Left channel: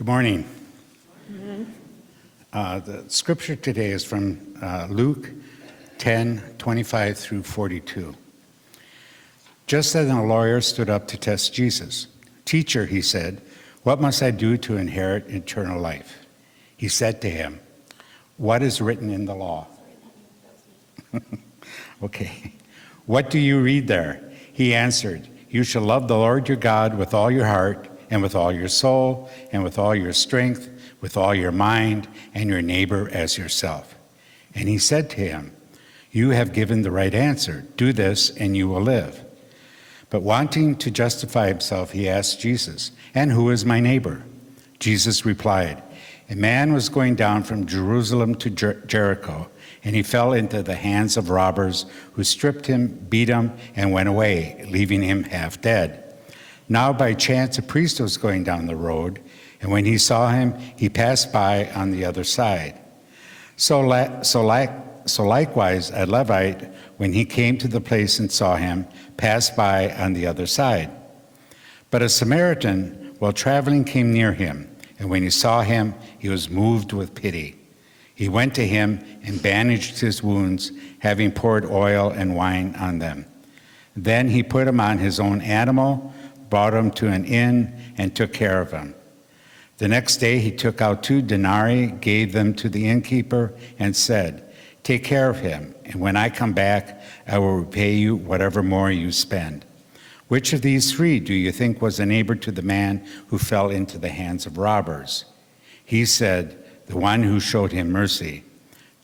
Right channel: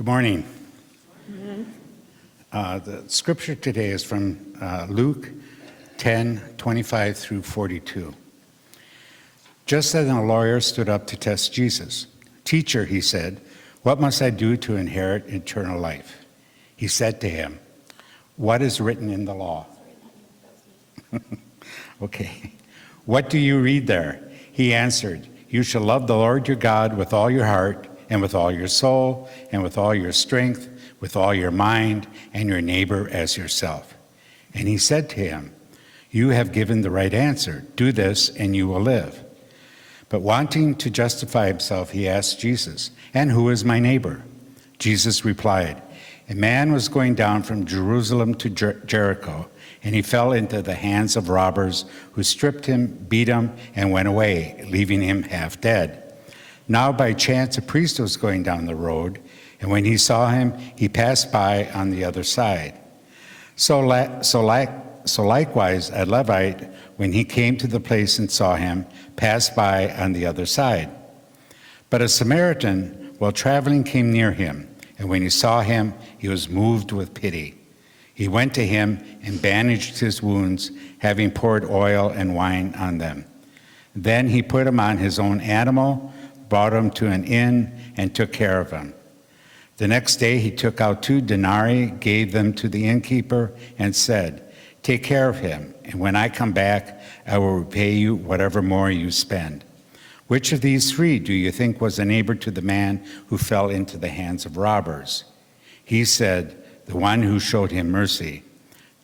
Good morning. The scripture today is from Luke 10:25 through 42. Just then a lawyer stood up to test Jesus. "Teacher," he said, "what must I do to inherit eternal life?" He said to him, "What is written in the law?" Okay. "What do you read there?" He answered, "You shall love the Lord your God with all your heart, and with all your soul, and with all your strength, with all your mind, and your neighbor as yourself." And he said to him, "You have given the right answer. Do this, and you will live." But wanting to justify himself, he asked Jesus, "And who is my neighbor?" Jesus replied, "A man was going down from Jerusalem to Jericho, and he fell into the hands of robbers who stripped him, beat him, and went away, leaving him half dead. Now by chance a priest was going down the road, and when he saw him, he passed by on the other side. So likewise a Levite, when he came to the place and saw him, passed by on the other side. But a Samaritan, while traveling, came near him, and when he saw him, he was moved with pity. He went to him and bandaged his wounds, having poured oil and wine on them. Then he put him on his own animal, brought him to an inn, and took care of him. The next day he took out 2 denarii, gave them to the innkeeper, and said, 'Take care of him, and when I come back, I will repay you whatever more you spend.' Which of these 3 do you think was a neighbor to the man who fell into the hands of robbers?" He said, "The one who showed him mercy."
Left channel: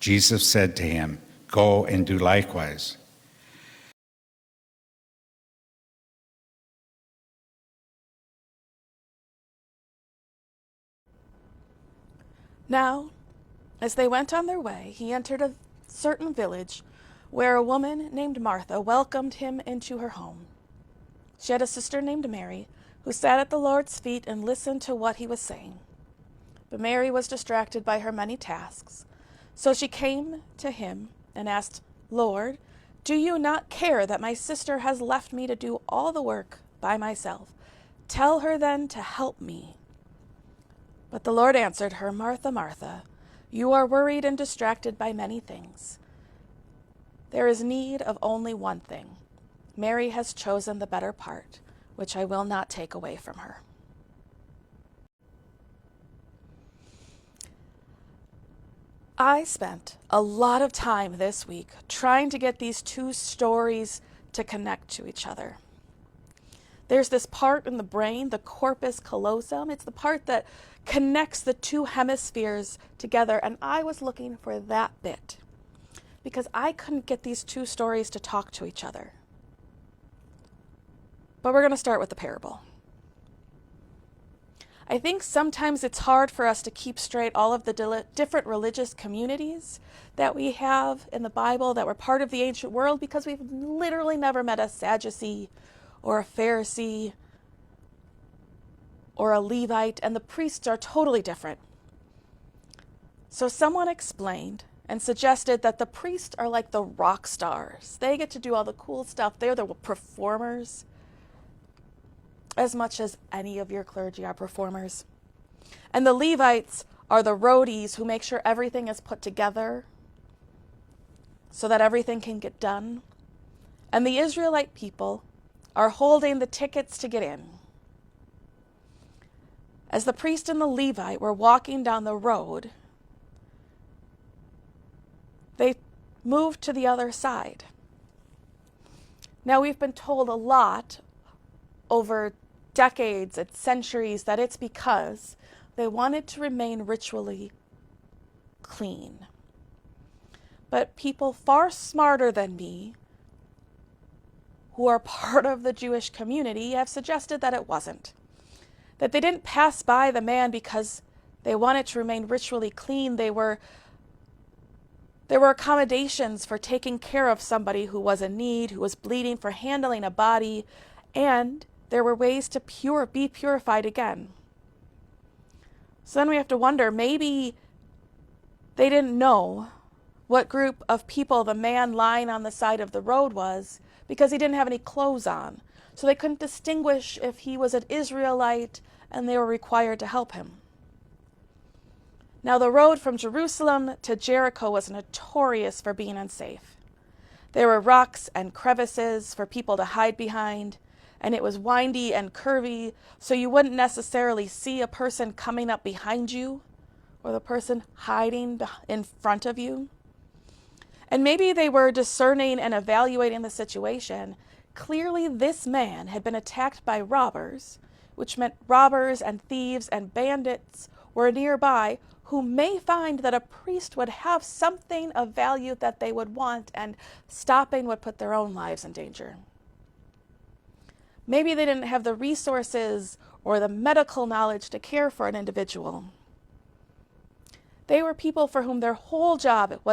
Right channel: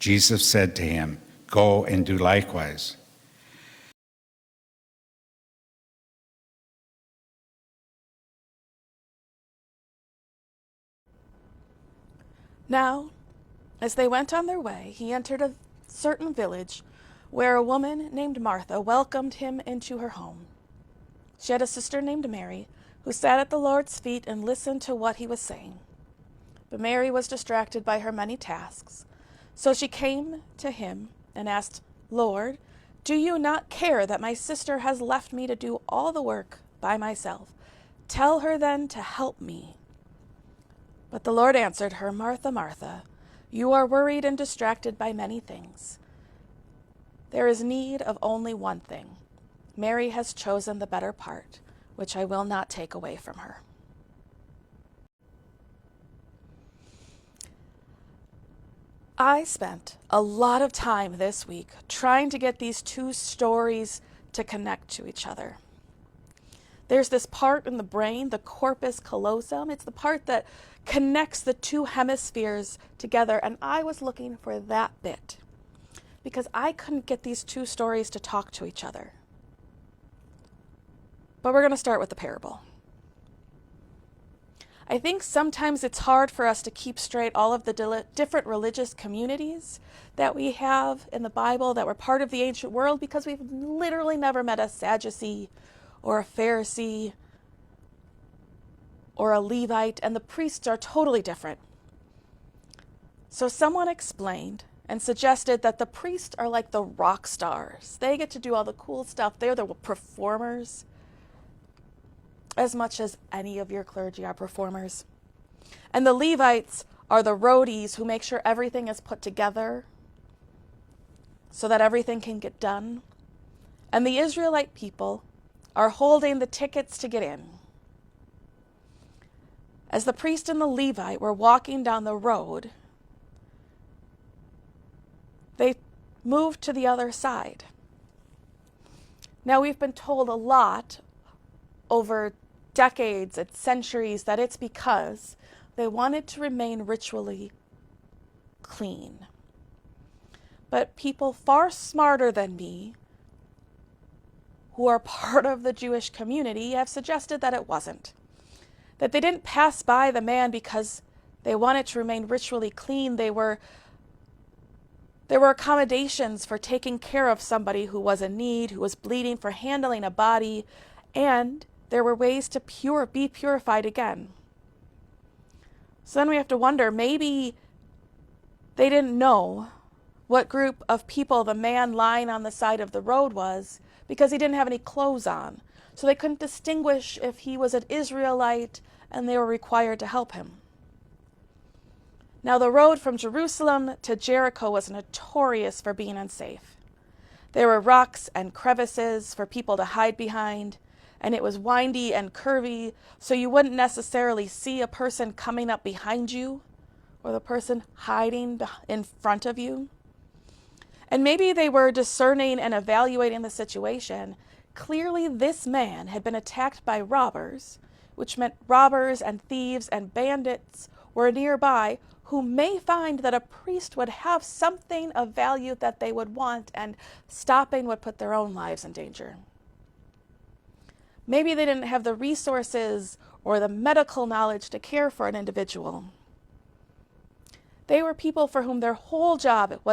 Jesus said to him, "Go and do likewise." Now, as they went on their way, he entered a certain village where a woman named Martha welcomed him into her home. She had a sister named Mary, who sat at the Lord's feet and listened to what he was saying. But Mary was distracted by her many tasks. So she came to him and asked, "Lord, do you not care that my sister has left me to do all the work by myself? Tell her then to help me." But the Lord answered her, "Martha, Martha, you are worried and distracted by many things. There is need of only one thing. Mary has chosen the better part, which I will not take away from her." I spent a lot of time this week trying to get these 2 stories to connect to each other. There's this part in the brain, the corpus callosum. It's the part that connects the 2 hemispheres together, and I was looking for that bit because I couldn't get these 2 stories to talk to each other. But we're going to start with the parable. I think sometimes it's hard for us to keep straight all of the different religious communities that we have in the Bible that were part of the ancient world because we've literally never met a Sadducee or a Pharisee or a Levite, and the priests are totally different. So someone explained and suggested that the priests are like the rock stars. They get to do all the cool stuff. They're the performers, as much as any of your clergy are performers. And the Levites are the roadies who make sure everything is put together so that everything can get done. And the Israelite people are holding the tickets to get in. As the priest and the Levite were walking down the road, they moved to the other side. Now, we've been told a lot over decades and centuries that it's because they wanted to remain ritually clean. But people far smarter than me, who are part of the Jewish community, have suggested that it wasn't. That they didn't pass by the man because they wanted to remain ritually clean. There were accommodations for taking care of somebody who was in need, who was bleeding, for handling a body, and there were ways to be purified again. So then we have to wonder, maybe they didn't know what group of people the man lying on the side of the road was because he didn't have any clothes on. So they couldn't distinguish if he was an Israelite and they were required to help him. Now, the road from Jerusalem to Jericho was notorious for being unsafe. There were rocks and crevices for people to hide behind, and it was windy and curvy, so you wouldn't necessarily see a person coming up behind you or the person hiding in front of you. And maybe they were discerning and evaluating the situation. Clearly, this man had been attacked by robbers, which meant robbers and thieves and bandits were nearby who may find that a priest would have something of value that they would want, and stopping would put their own lives in danger. Maybe they didn't have the resources or the medical knowledge to care for an individual. They were people for whom their whole job it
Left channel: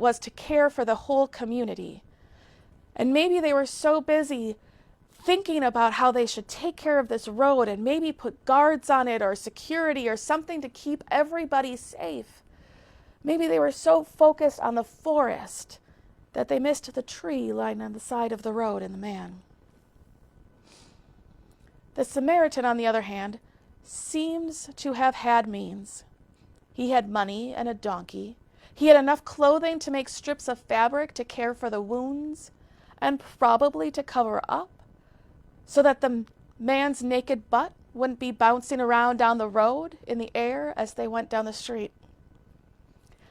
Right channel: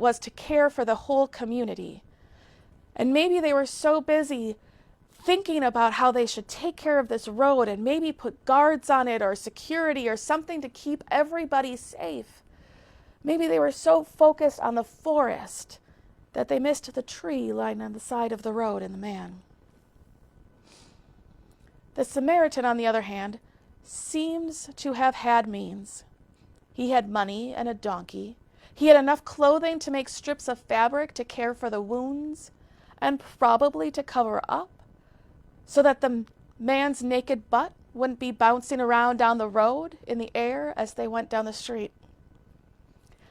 was to care for the whole community. And maybe they were so busy thinking about how they should take care of this road and maybe put guards on it or security or something to keep everybody safe. Maybe they were so focused on the forest that they missed the tree lying on the side of the road and the man. The Samaritan, on the other hand, seems to have had means. He had money and a donkey. He had enough clothing to make strips of fabric to care for the wounds and probably to cover up, so that the man's naked butt wouldn't be bouncing around down the road in the air as they went down the street.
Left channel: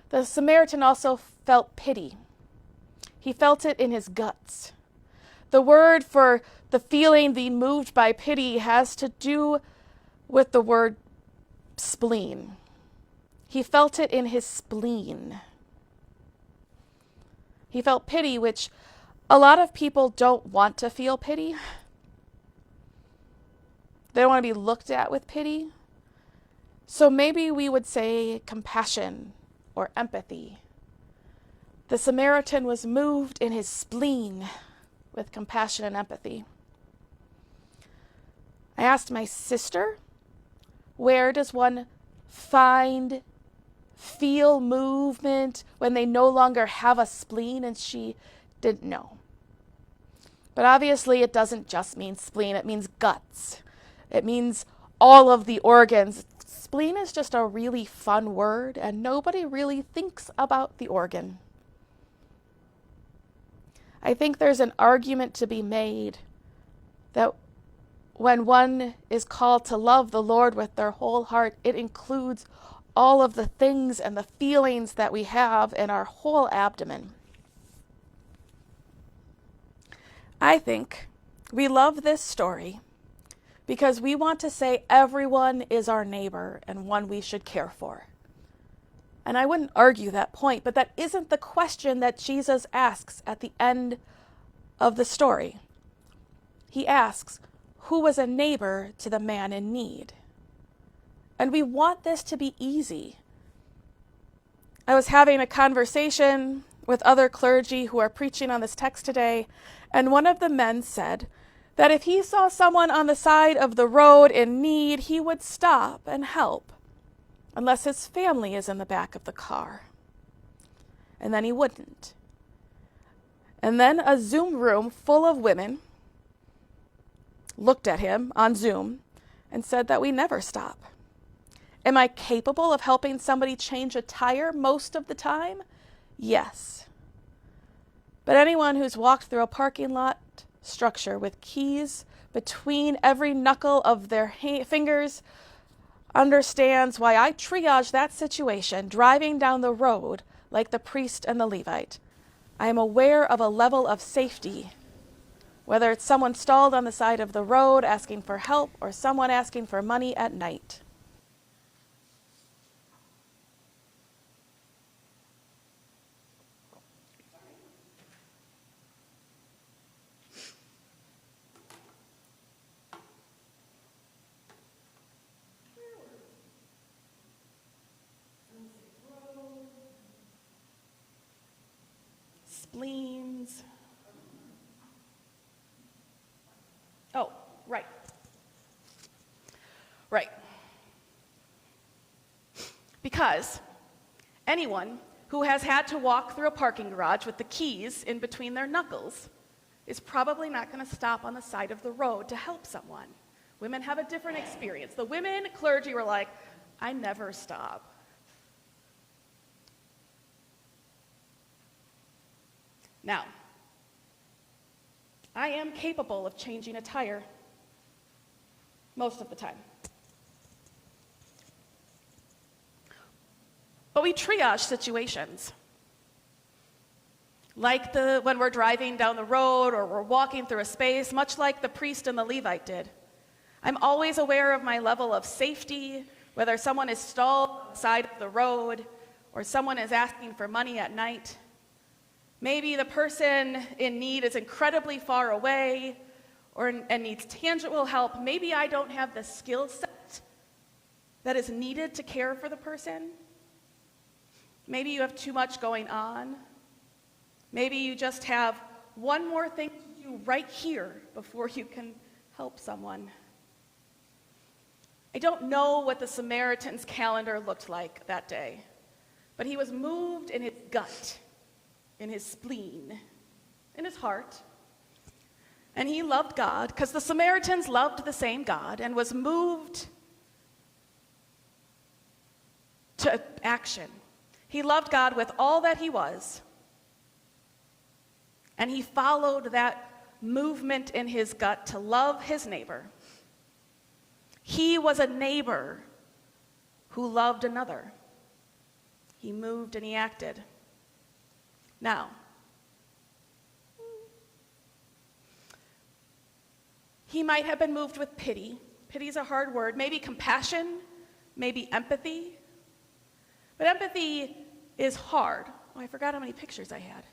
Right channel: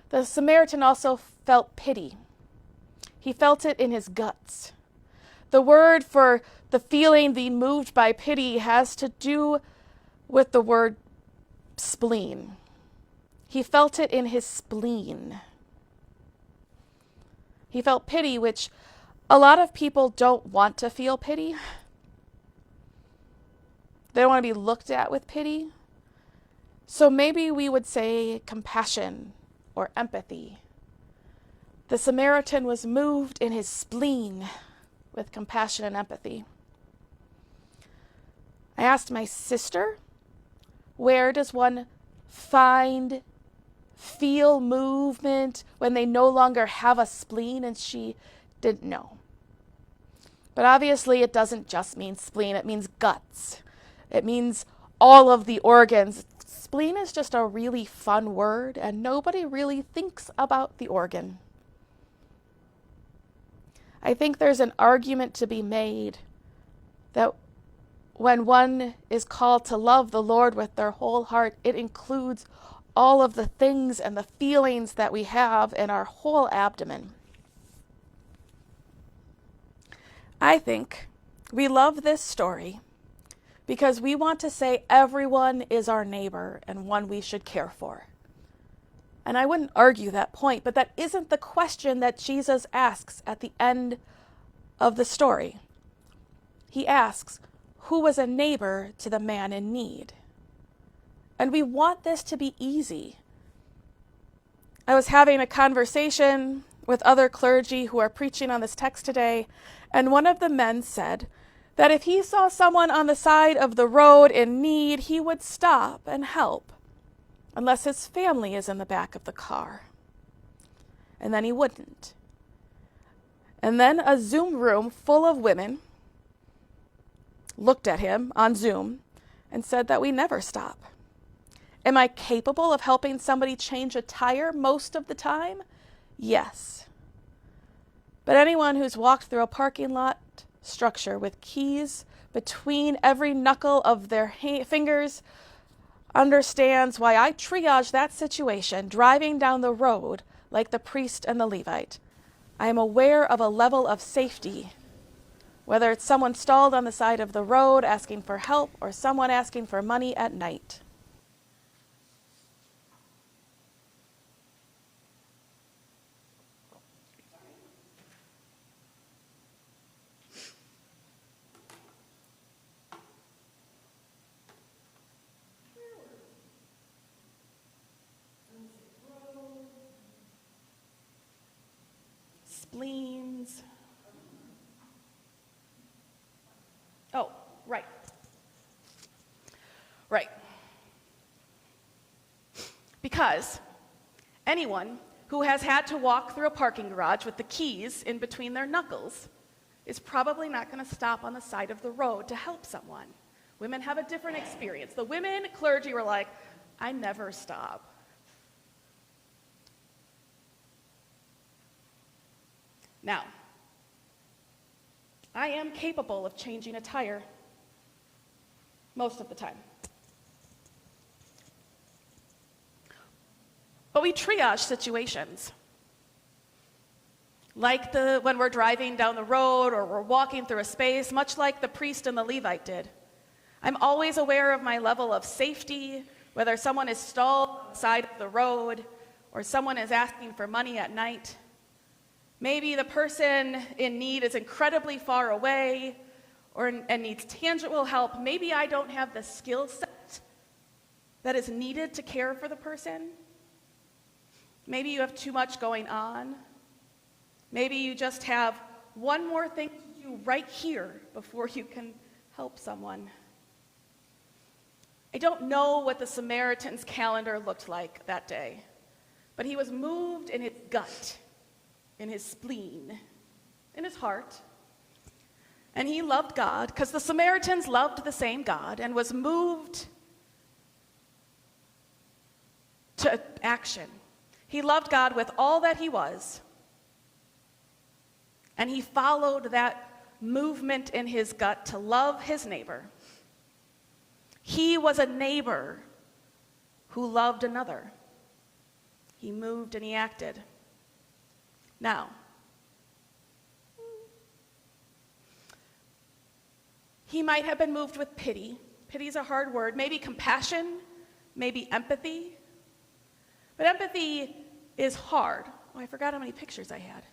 The Samaritan also felt pity. He felt it in his guts. The word for the feeling being moved by pity has to do with the word spleen. He felt it in his spleen. He felt pity, which a lot of people don't want to feel pity. They don't want to be looked at with pity. So maybe we would say compassion or empathy. The Samaritan was moved in his spleen with compassion and empathy. I asked my sister, where does one feel movement when they no longer have a spleen? And she didn't know. But obviously it doesn't just mean spleen, it means guts. It means all of the organs. Spleen is just a really fun word, and nobody really thinks about the organ. I think there's an argument to be made that when one is called to love the Lord with their whole heart, it includes all of the things and the feelings that we have in our whole abdomen. I think we love this story because we want to say everyone is our neighbor and one we should care for. And I wouldn't argue that point, but that isn't the question that Jesus asks at the end of the story. He asks, who was a neighbor to the man in need? And we want this to be easy. I was having a conversation with other clergy who are preaching on this text today, and one of the men said that if he saw someone on the side of the road in need, he would stop and help, unless his family is in the back of the car. And then he wouldn't. And then a Zoom room full of women looked at him on Zoom and said that we never stop. Am I capable of helping somebody change a tire most of the time? Yes. But anyone who's walked through a parking lot structure with keys between every knuckle of their fingers understands why I triage that situation driving down the road like the priest and the Levite. I am aware of a level of safety, whether it's someone stalled on the side of the road asking for help or someone asking for money at night. Spleens. Oh, right. Right. Because anyone who has had to walk through a parking garage with the keys in between their knuckles is probably not going to stop on the side of the road to help someone. Women have a different experience. The women clergy were like, I never stop. Now, I am capable of changing a tire most of the time. But we triage situations. Like when we're driving down the road or we're walking through a space, much like the priest and the Levite did. I'm always aware of my level of safety, whether someone is stalled on the side of the road or someone is asking for money at night. Maybe the person in need is incredibly far away and needs tangible help. Maybe I don't have the skill set that is needed to care for the person. Maybe you have too much going on. Maybe you just have one more thing to do right here before you can help someone. I don't know what the Samaritan's calendar looked like that day, but he was moved in his gut, in his spleen, in his heart. And he loved God because the Samaritans loved the same God and was moved to action. He loved God with all that he was, and he followed that movement in his gut to love his neighbor. He was a neighbor who loved another. He moved and he acted. Now, he might have been moved with pity. Pity is a hard word. Maybe compassion, maybe empathy. But empathy is hard. Oh, I forgot how many pictures I had.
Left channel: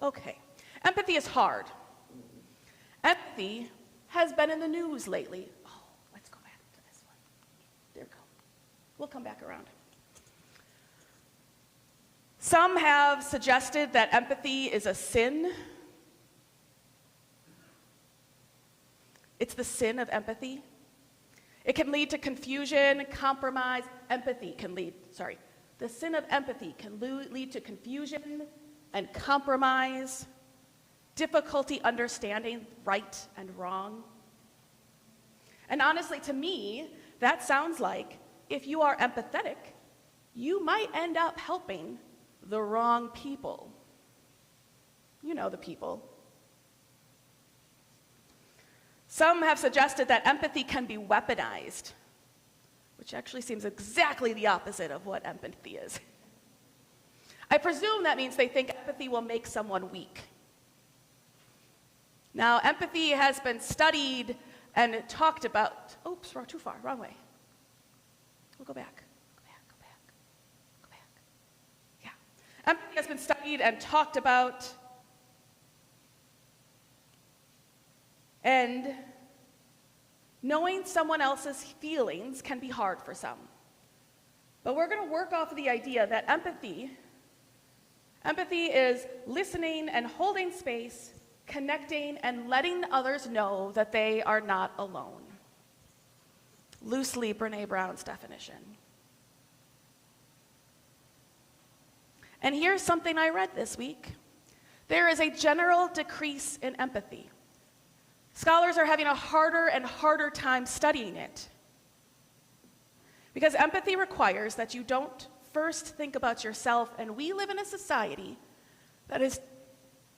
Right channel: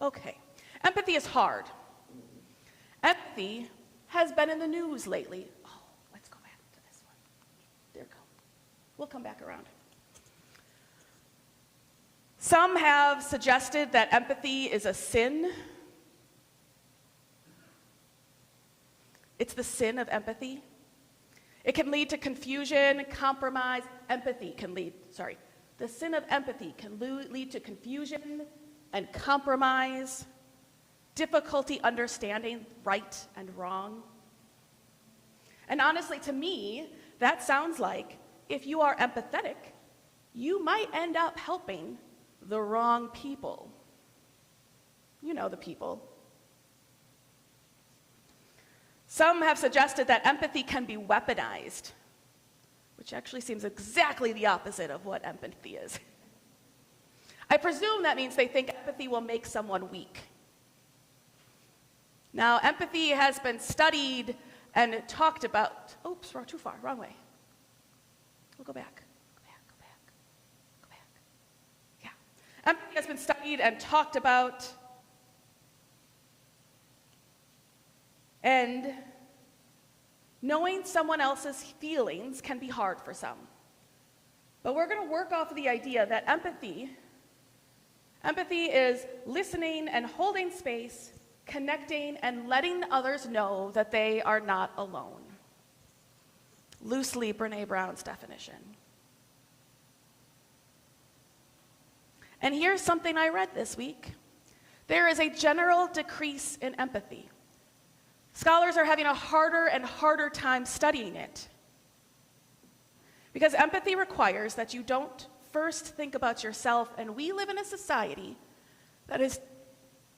Okay. Empathy is hard. Empathy has been in the news lately. Oh, let's go back to this one. There we go. We'll come back around. Some have suggested that empathy is a sin. It's the sin of empathy. It can lead to confusion, compromise. The sin of empathy can lead to confusion and compromise, difficulty understanding right and wrong. And honestly, to me, that sounds like if you are empathetic, you might end up helping the wrong people. You know the people. Some have suggested that empathy can be weaponized, which actually seems exactly the opposite of what empathy is. I presume that means they think empathy will make someone weak. Now, empathy has been studied and talked about. Oops, we're too far, wrong way. We'll go back. Go back. Yeah. Empathy has been studied and talked about. And knowing someone else's feelings can be hard for some. But we're going to work off of the idea that empathy is listening and holding space, connecting and letting others know that they are not alone. Loosely Brené Brown's definition. And here's something I read this week. There is a general decrease in empathy. Scholars are having a harder and harder time studying it. Because empathy requires that you don't first think about yourself, and we live in a society that is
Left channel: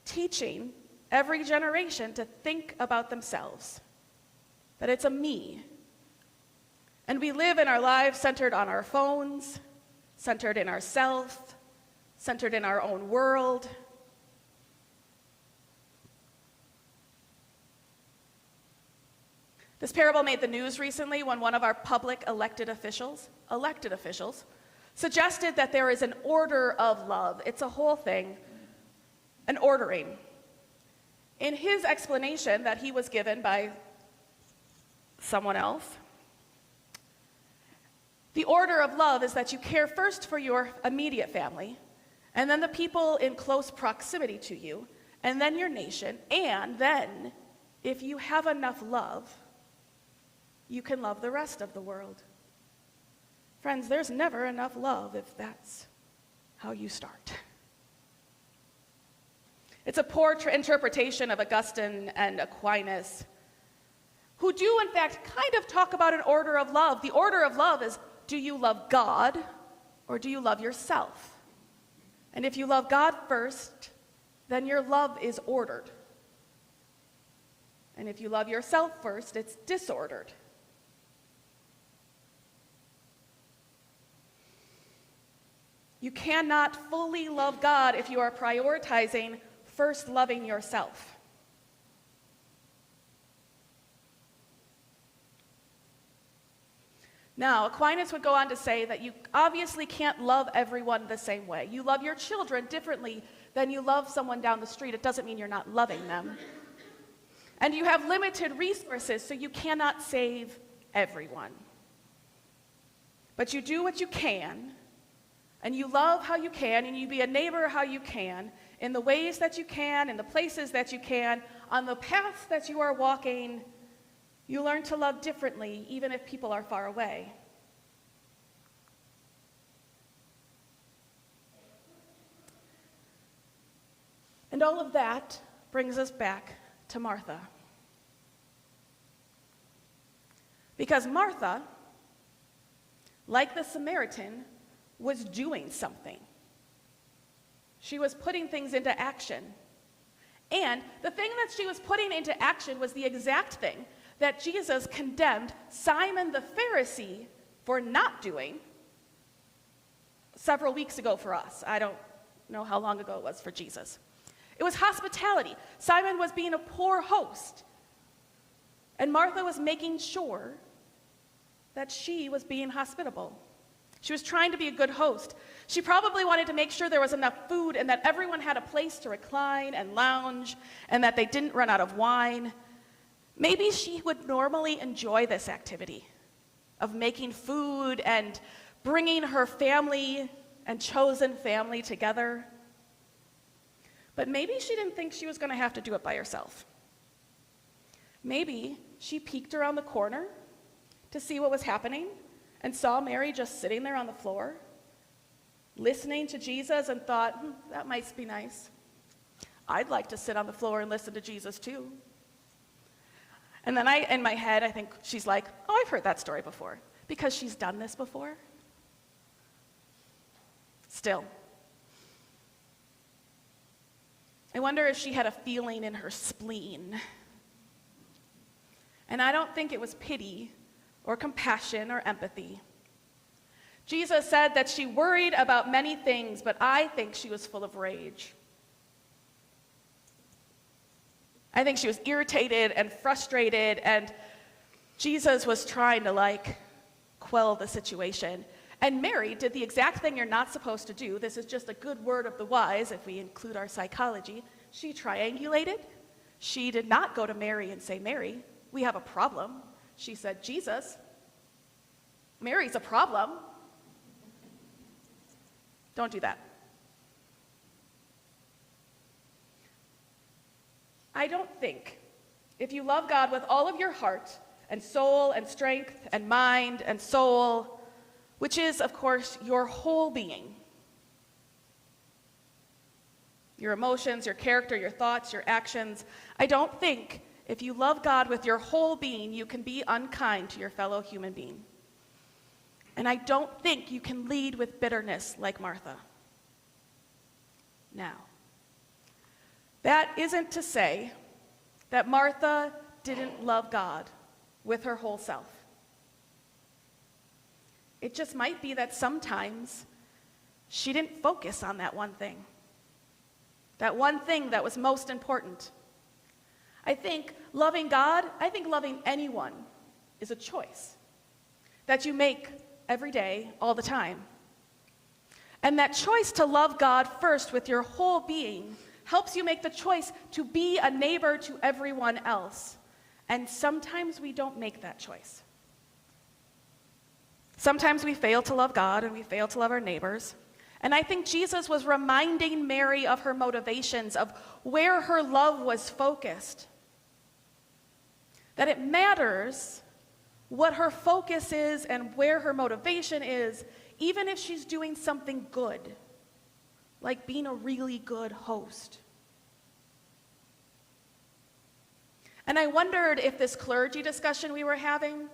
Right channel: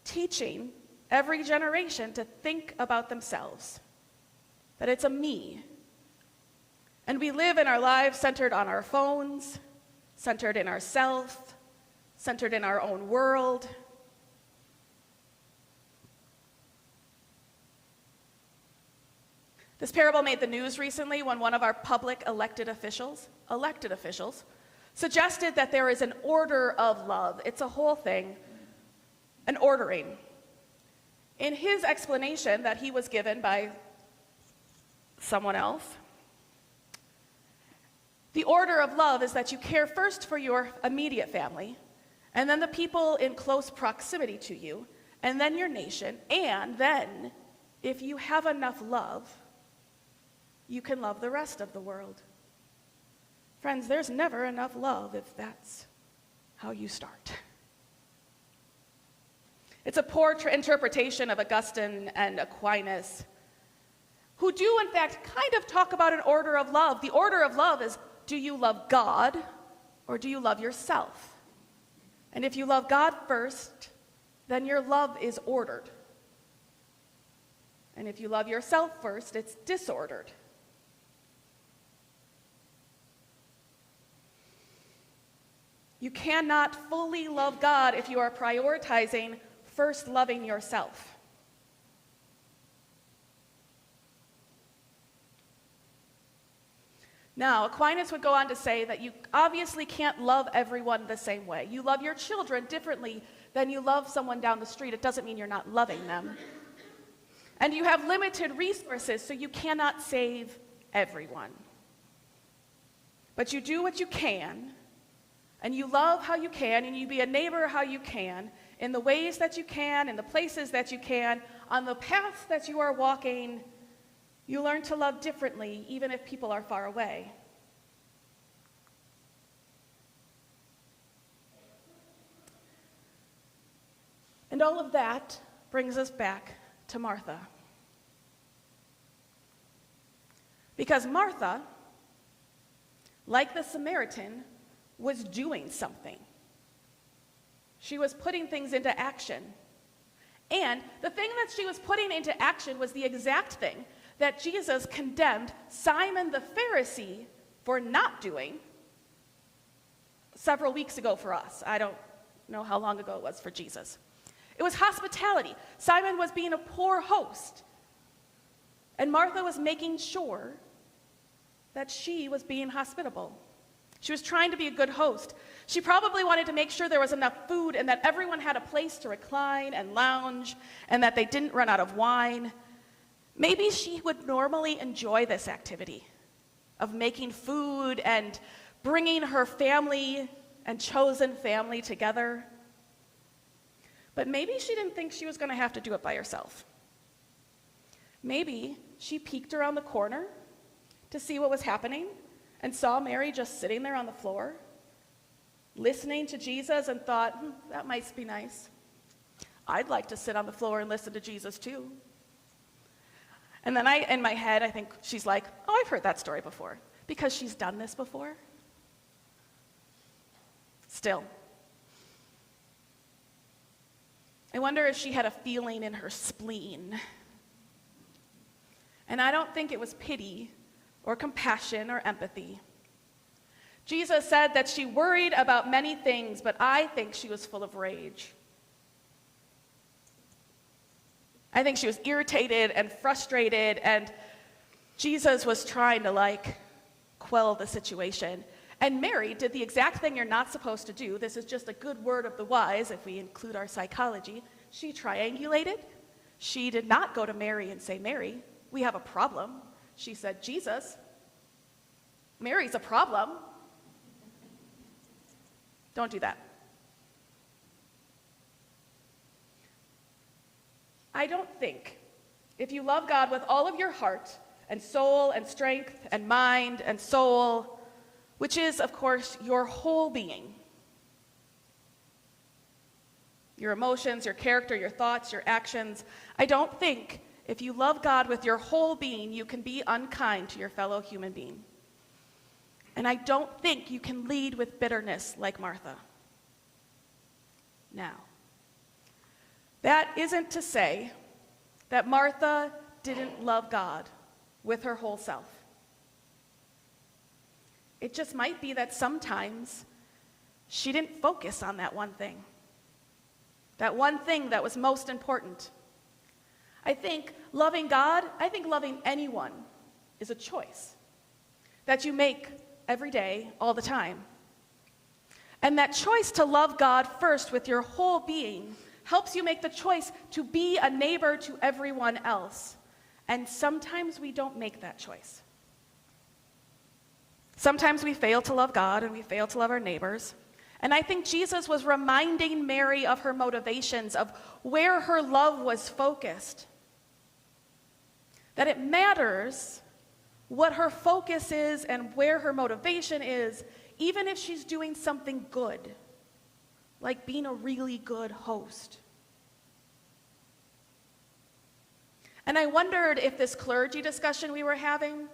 teaching every generation to think about themselves, that it's a me. And we live in our lives centered on our phones, centered in ourself, centered in our own world. This parable made the news recently when one of our public elected officials, suggested that there is an order of love. It's a whole thing, an ordering. In his explanation that he was given by someone else, the order of love is that you care first for your immediate family, and then the people in close proximity to you, and then your nation, and then, if you have enough love, you can love the rest of the world. Friends, there's never enough love if that's how you start. It's a poor interpretation of Augustine and Aquinas, who do, in fact, kind of talk about an order of love. The order of love is, do you love God or do you love yourself? And if you love God first, then your love is ordered. And if you love yourself first, it's disordered. You cannot fully love God if you are prioritizing first loving yourself. Now, Aquinas would go on to say that you obviously can't love everyone the same way. You love your children differently than you love someone down the street. It doesn't mean you're not loving them. And you have limited resources, so you cannot save everyone. But you do what you can, and you love how you can, and you be a neighbor how you can, in the ways that you can, in the places that you can, on the paths that you are walking. You learn to love differently, even if people are far away. And all of that brings us back to Martha. Because Martha, like the Samaritan, was doing something. She was putting things into action. And the thing that she was putting into action was the exact thing that Jesus condemned Simon the Pharisee for not doing several weeks ago for us. I don't know how long ago it was for Jesus. It was hospitality. Simon was being a poor host, and Martha was making sure that she was being hospitable. She was trying to be a good host. She probably wanted to make sure there was enough food and that everyone had a place to recline and lounge and that they didn't run out of wine. Maybe she would normally enjoy this activity of making food and bringing her family and chosen family together. But maybe she didn't think she was going to have to do it by herself. Maybe she peeked around the corner to see what was happening and saw Mary just sitting there on the floor, listening to Jesus, and thought, that might be nice. I'd like to sit on the floor and listen to Jesus too. And then in my head, I think she's like, oh, I've heard that story before, because she's done this before. Still, I wonder if she had a feeling in her spleen. And I don't think it was pity or compassion or empathy. Jesus said that she worried about many things, but I think she was full of rage. I think she was irritated and frustrated, and Jesus was trying to quell the situation. And Mary did the exact thing you're not supposed to do. This is just a good word of the wise if we include our psychology. She triangulated. She did not go to Mary and say, Mary, we have a problem. She said, Jesus, Mary's a problem. Don't do that. I don't think if you love God with all of your heart and soul and strength and mind and soul, which is, of course, your whole being, your emotions, your character, your thoughts, your actions, I don't think if you love God with your whole being, you can be unkind to your fellow human being. And I don't think you can lead with bitterness like Martha. Now, that isn't to say that Martha didn't love God with her whole self. It just might be that sometimes she didn't focus on that one thing that was most important. I think loving God, I think loving anyone is a choice that you make every day, all the time. And that choice to love God first with your whole being helps you make the choice to be a neighbor to everyone else. And sometimes we don't make that choice. Sometimes we fail to love God and we fail to love our neighbors. And I think Jesus was reminding Mary of her motivations, of where her love was focused. That it matters what her focus is and where her motivation is, even if she's doing something good, like being a really good host. And I wondered if this clergy discussion we were having,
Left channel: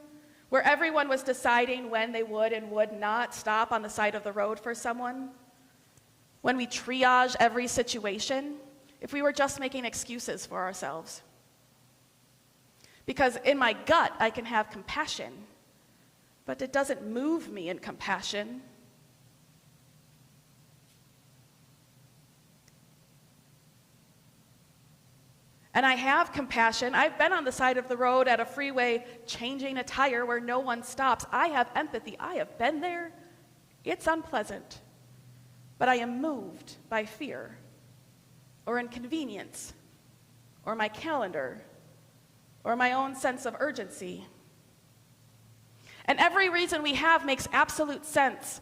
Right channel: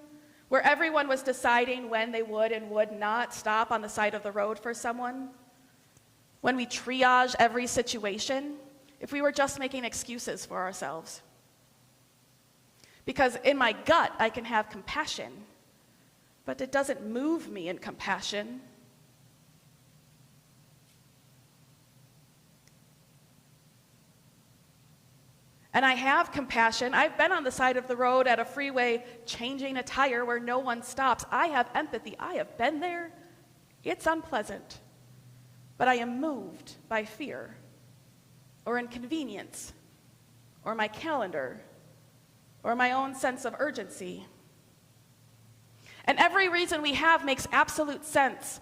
where everyone was deciding when they would and would not stop on the side of the road for someone, when we triage every situation, if we were just making excuses for ourselves. Because in my gut, I can have compassion, but it doesn't move me in compassion. And I have compassion. I've been on the side of the road at a freeway changing a tire where no one stops. I have empathy. I have been there. It's unpleasant. But I am moved by fear or inconvenience or my calendar or my own sense of urgency. And every reason we have makes absolute sense.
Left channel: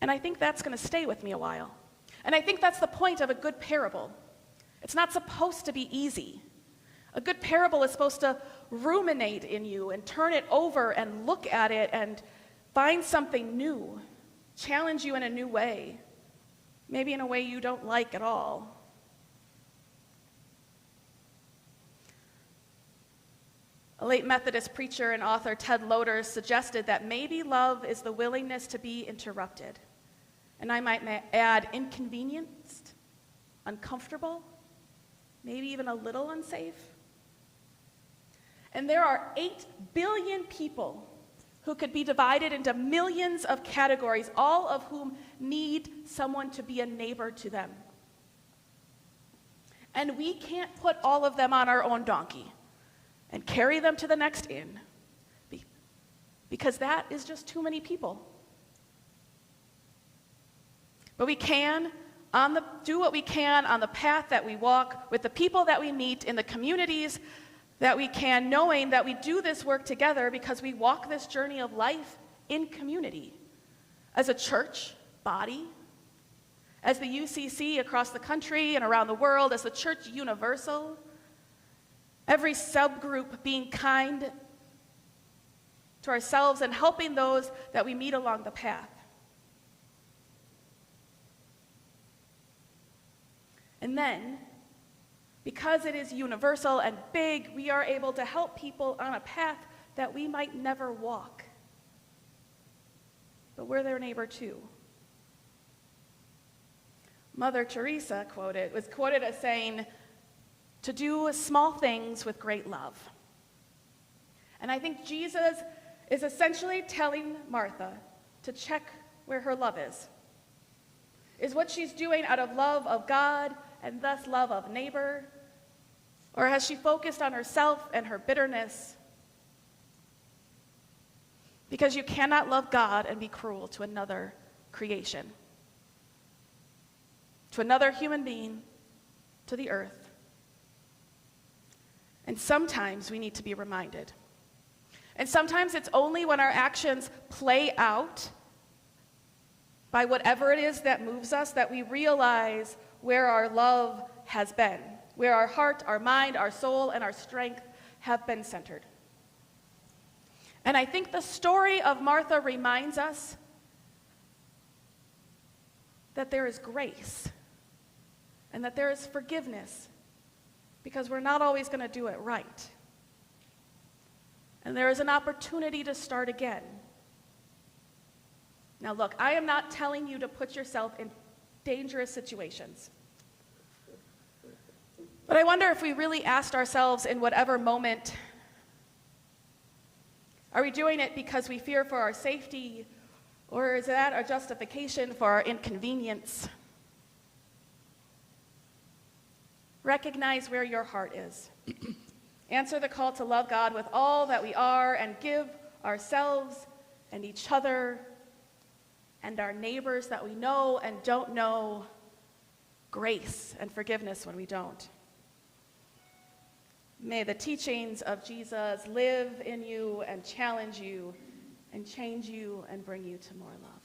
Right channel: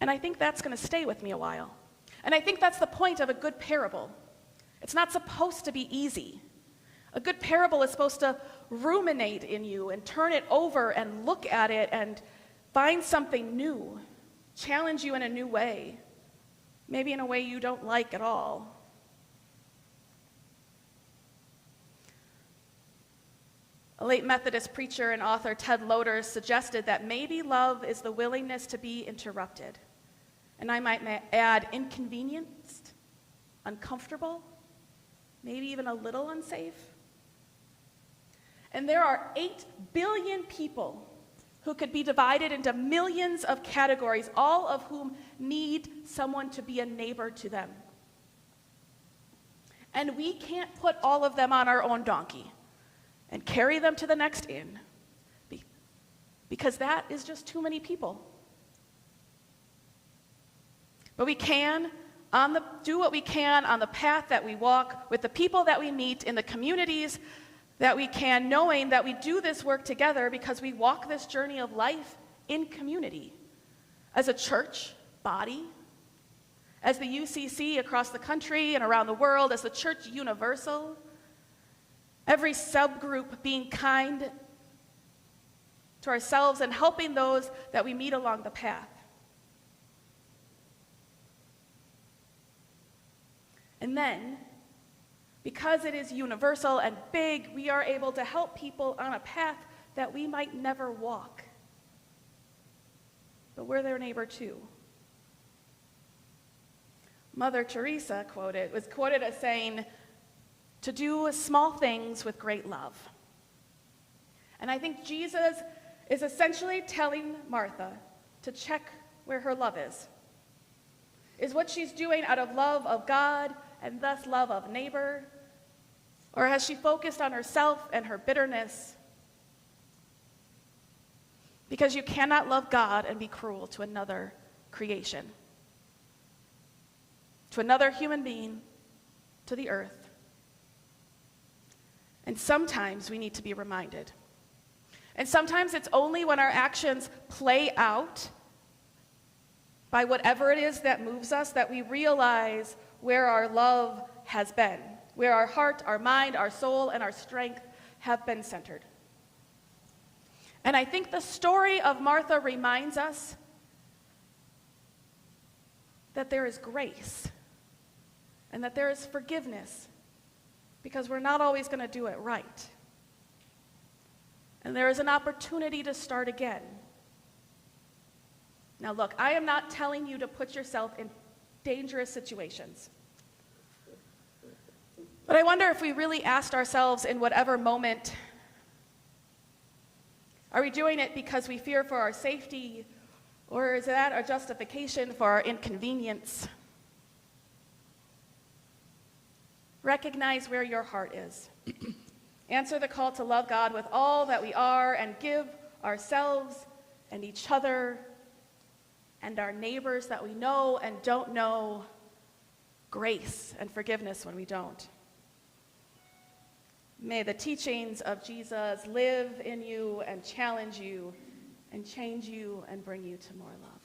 And I think that's going to stay with me a while. And I think that's the point of a good parable. It's not supposed to be easy. A good parable is supposed to ruminate in you and turn it over and look at it and find something new, challenge you in a new way, maybe in a way you don't like at all. A late Methodist preacher and author, Ted Loder, suggested that maybe love is the willingness to be interrupted. And I might add inconvenienced, uncomfortable, maybe even a little unsafe. And there are 8 billion people who could be divided into millions of categories, all of whom need someone to be a neighbor to them. And we can't put all of them on our own donkey and carry them to the next inn, because that is just too many people. But we can do what we can on the path that we walk, with the people that we meet, in the communities that we can, knowing that we do this work together because we walk this journey of life in community, as a church body, as the UCC across the country and around the world, as the church universal, every subgroup being kind to ourselves and helping those that we meet along the path. And then, because it is universal and big, we are able to help people on a path that we might never walk. But we're their neighbor too. Mother Teresa was quoted as saying, "To do small things with great love." And I think Jesus is essentially telling Martha to check where her love is. Is what she's doing out of love of God and thus love of neighbor? Or has she focused on herself and her bitterness? Because you cannot love God and be cruel to another creation, to another human being, to the earth. And sometimes we need to be reminded. And sometimes it's only when our actions play out by whatever it is that moves us that we realize where our love has been, where our heart, our mind, our soul, and our strength have been centered. And I think the story of Martha reminds us that there is grace and that there is forgiveness, because we're not always going to do it right. And there is an opportunity to start again. Now look, I am not telling you to put yourself in dangerous situations. But I wonder if we really asked ourselves, in whatever moment, are we doing it because we fear for our safety, or is that a justification for our inconvenience? Recognize where your heart is. Answer the call to love God with all that we are, and give ourselves and each other and our neighbors that we know and don't know grace and forgiveness when we don't. May the teachings of Jesus live in you and challenge you and change you and bring you to more love.